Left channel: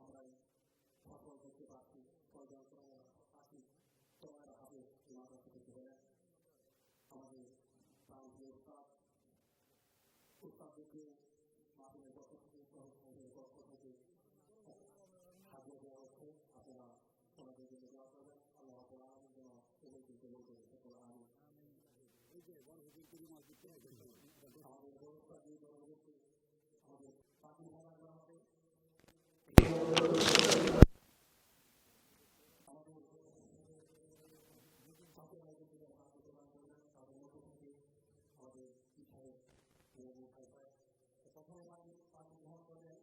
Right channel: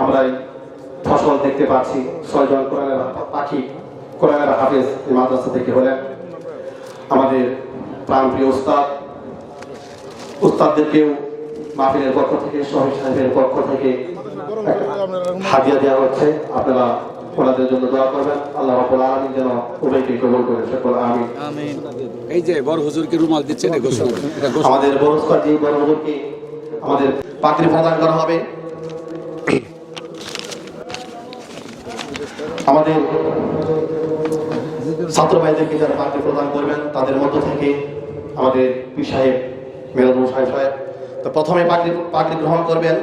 আমরা ফসল দেখতে পাচ্ছি। 6 জন কোরআনের পাখি, কোরআনের হাফেজ এই মাদ্রাসা থেকে হলেন। আমাদের প্রাণপ্রিয় উস্তাদদেরকেও মাহফিলের পক্ষ থেকে, শহীদ সাহেবের পক্ষ থেকে হাদিয়া দেওয়া হচ্ছে। আপনারা ওনাদের জন্য দোয়া করবেন। আল্লাহ রাব্বুল আলামিন যেন উভয়কে কবুল করেন। সকল আমিন। এই যে বড় হুজুরকে রুমাল দিচ্ছেন, আমাদের বড় উস্তাদ জি বড় হুজুরকে আমাদের পাগড়ি প্রদান করা হবে। আমাদের ছাত্র ভাইদেরকে যারা পাগড়ি প্রদান করবেন তাদের মধ্য থেকে আমাদের পীর সাহেব মেহবুব সাহেব, তো প্রথমে পাগড়ি গ্রহণ করবেন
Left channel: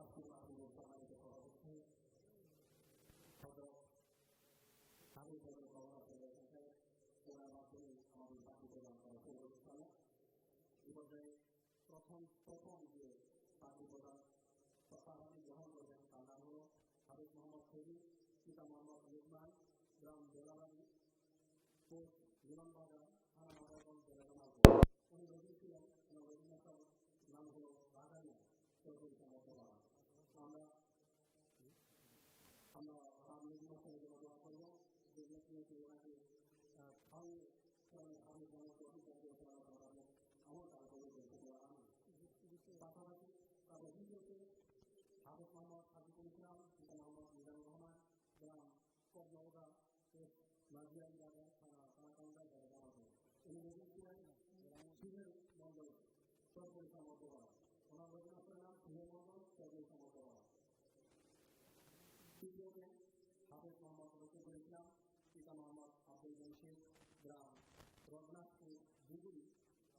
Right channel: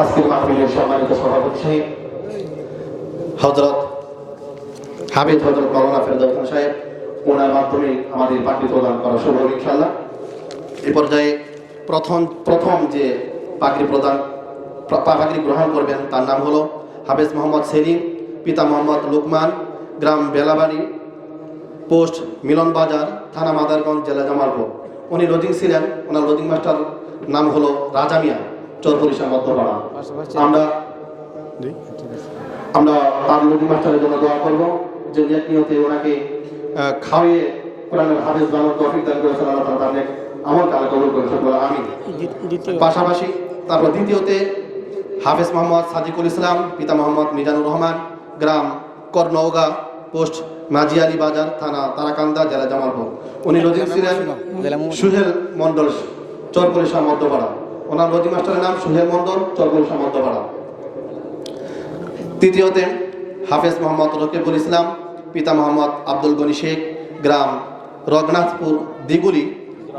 আজকের মাহফিলের সম্মানিত সভাপতি সাহেব হযরত হাবিব হযরত মাওলানা ফেরদৌস খান সাহেব, ওনার মাধ্যমে আমাদের পাগড়ি প্রদান করা শুরু হবে ইনশাআল্লাহ। এই পর্যায়ে প্রথম যে পাগড়ি গ্রহণ করবেন তার নাম হলো হাফেজ মোহাম্মদ সেলিম, পিতা মোহাম্মদ লুকমান, গ্রাম বেলাবাড়ি, পোস্ট মিলন বাজার, থানা মাদারগঞ্জ, জেলা জামালপুর। উনি লজিং ছিলেন। ওনার লজিং মাস্টার নাম হলো রাজা মিয়া, চরপরিশা মধ্যপাড়া। আমরা তার লজিং মাস্টারের জন্য দোয়া করবো যে নিয়তে ওনাকে খাওয়িয়ে কোরআনের হাফেজ বানানোর তৌফিক দান করেছেন আল্লাহ তাআলা, তাদের আমল কালা কবুল করেছেন, বলে আমিন। পাশাপাশি তারপর দ্বিতীয়তে হাফেজ মোহাম্মদ সাদিকুল ইসলাম, পিতা মোহাম্মদ মিজানুর রহমান, গ্রাম করনৌগা, পোস্ট মাঝিয়ালি বাজার, থানা তারাকান্দা, জেলা জামালপুর। উনি লজিং ছিলেন সুহেল মন্ডল, চরপরিশা মধ্যপাড়া। ওনার লজিং মাস্টারের নাম সুহেল মন্ডল, চরপরিশা মধ্যপাড়া। তৃতীয়তে হাফেজ মোহাম্মদ রকিবুল ইসলাম, পিতা মোহাম্মদ আব্দুল গনি শেখ, গ্রাম রঘুনাথপুর দিগুলি,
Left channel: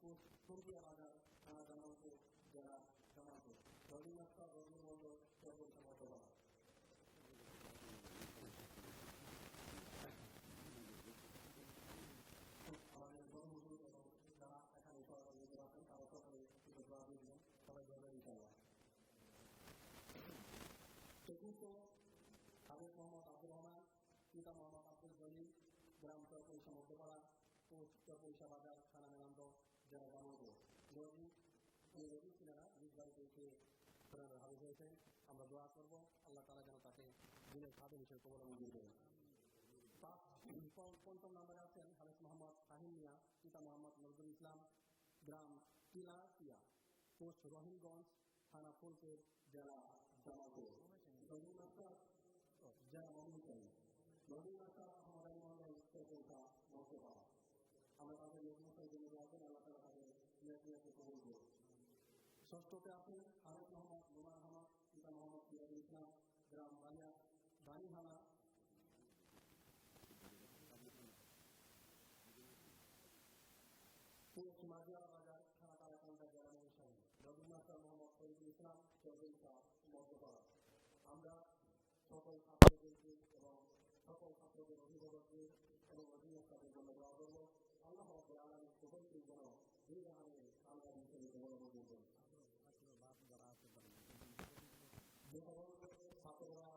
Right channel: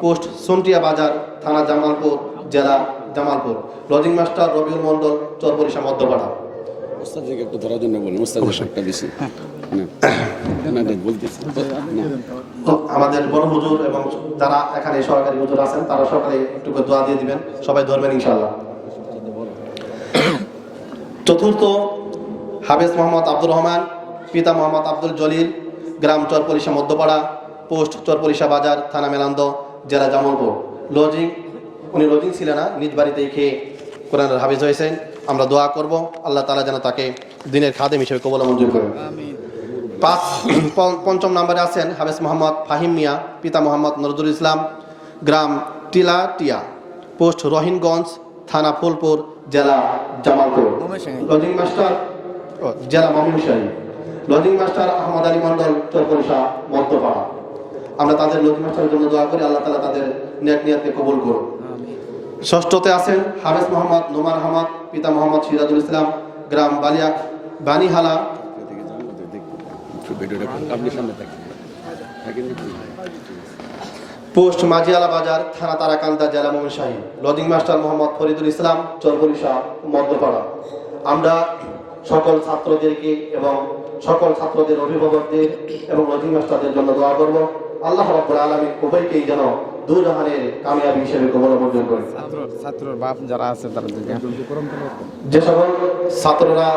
পোস্ট সন্টিয়া বাজার, থানা জামালপুর, জেলা জামালপুর। Lodging master Robiul Mondal, Charparisha Madhyapara. একটু ধরার জন্য বলুন, একটা বেশি আমাদের বড় হুজুর এবং যারা এখানে সরকারি হুজুর আছেন তারা সকালে একটু দোয়া দিয়ে দিবেন, সবাই ধরবেন ইনশাআল্লাহ। চতুর্থ হাফেজ মোহাম্মদ আব্দুর রহমান, পিতা মোহাম্মদ আব্দুল জলিল, গ্রাম চরপরিশা মধ্যপাড়া, পোস্ট চরপরিশা বাজার, থানা মেলান্দ, জেলা জামালপুর। উনি লজিং ছিলেন না, নিজ বাড়িতে খেয়ে কোরআনের হাফেজ হয়েছেন। আমরা দোয়া করব আল্লাহ তাআলা যেন তাকে দিনের খাদেম হিসেবে কবুল মঞ্জুর করেন। পঞ্চম নম্বরে আছেন হাফেজ মোহাম্মদ ফাহিম মিয়া, পিতা মোহাম্মদ নজরুল ইসলাম, গ্রাম টিলাটিয়া, পোস্ট রহিনগঞ্জ, থানা ফুলপুর, জেলা জামালপুর। লজিং মাস্টার জেলা ময়মনসিংহ। Lodging master Ahmad Ali Mondal, Charparisha Madhyapara. আমরা তাদের লজিং মাস্টারের জন্য দোয়া করি আল্লাহ তাআলা তাদের নেক নিয়তকে কবুল করুন। ষষ্ঠতে আছেন হাফেজ মোহাম্মদ নোমান আহমদ, পিতা মোহাম্মদ সিরাজুল ইসলাম, গ্রাম বানিহালা, পোস্ট মাঝিয়ালা বাজার, থানা তারাকান্দা, জেলা ময়মনসিংহ। Lodging master Mohammad Faridul Islam, চরপরিশা Madhyapara. আমরা সকল ছাত্রদেরকে এবং সকল ছাত্রদের অভিভাবকদের এবং লজিং মাস্টারদের জন্য দোয়া করব আল্লাহ রাব্বুল আলামিন উভয়কেই যেন দুজাহানের কামিয়াবি হিসেবে কবুল মঞ্জুর করেন। ছাত্রর বাপ যারা আছে তারা যে সকল ছাত্ররা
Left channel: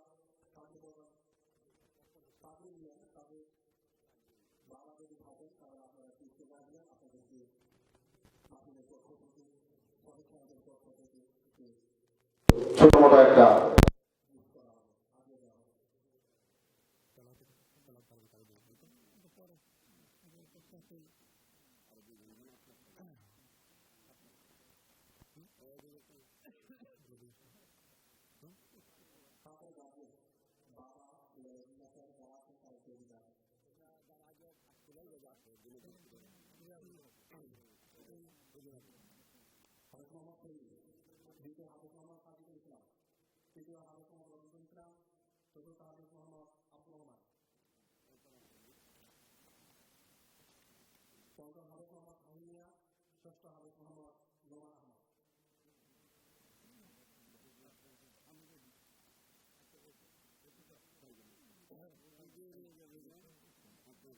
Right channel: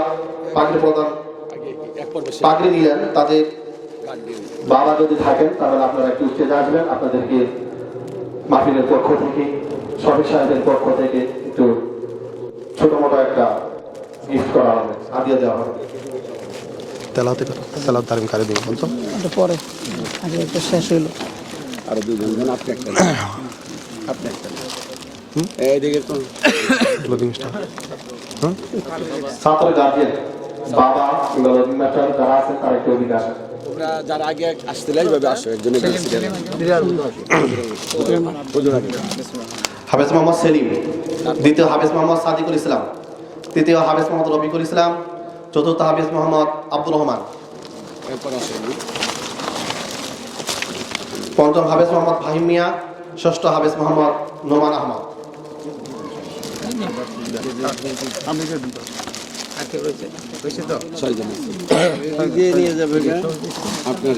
পাগড়ি নিলেন তাদের বাবা যদি থাকেন তাহলে আপনারা একটু স্টেজে আসবেন। আপনাদেরকে মাহফিলের পক্ষ থেকে, শফিক সাহেবের পক্ষ থেকে একটু ছোট মোটো একটা গিফট করা হবে, হাদিয়া দেওয়া হবে। তেলাওয়াত তালিম করে দিন বলতো পরে আগে একটা শেষ হইলো। আরো দুজন, আপনি একটা এইদিকে তো লজিং মাস্টার ছাত্র গার্জিয়ান বাবা কিংবা লজিং মাস্টার যারা আছেন তারা একটু অধিকার, ওরা যারা আগে আসছিল এইভাবে আসো। একজনের হাফেজ মোহাম্মদ সেলিম, দ্বিতীয় হাফেজ মোহাম্মদ সাদিকুল ইসলাম, তৃতীয় হাফেজ মোহাম্মদ রফিকুল ইসলাম, চতুর্থ হাফেজ মোহাম্মদ আব্দুর রহমান, পঞ্চম হাফেজ মোহাম্মদ ফাহিম মিয়া, ষষ্ঠ হাফেজ মোহাম্মদ নোমান আহমদ। ছয়জন নিয়ে যাবে আপনার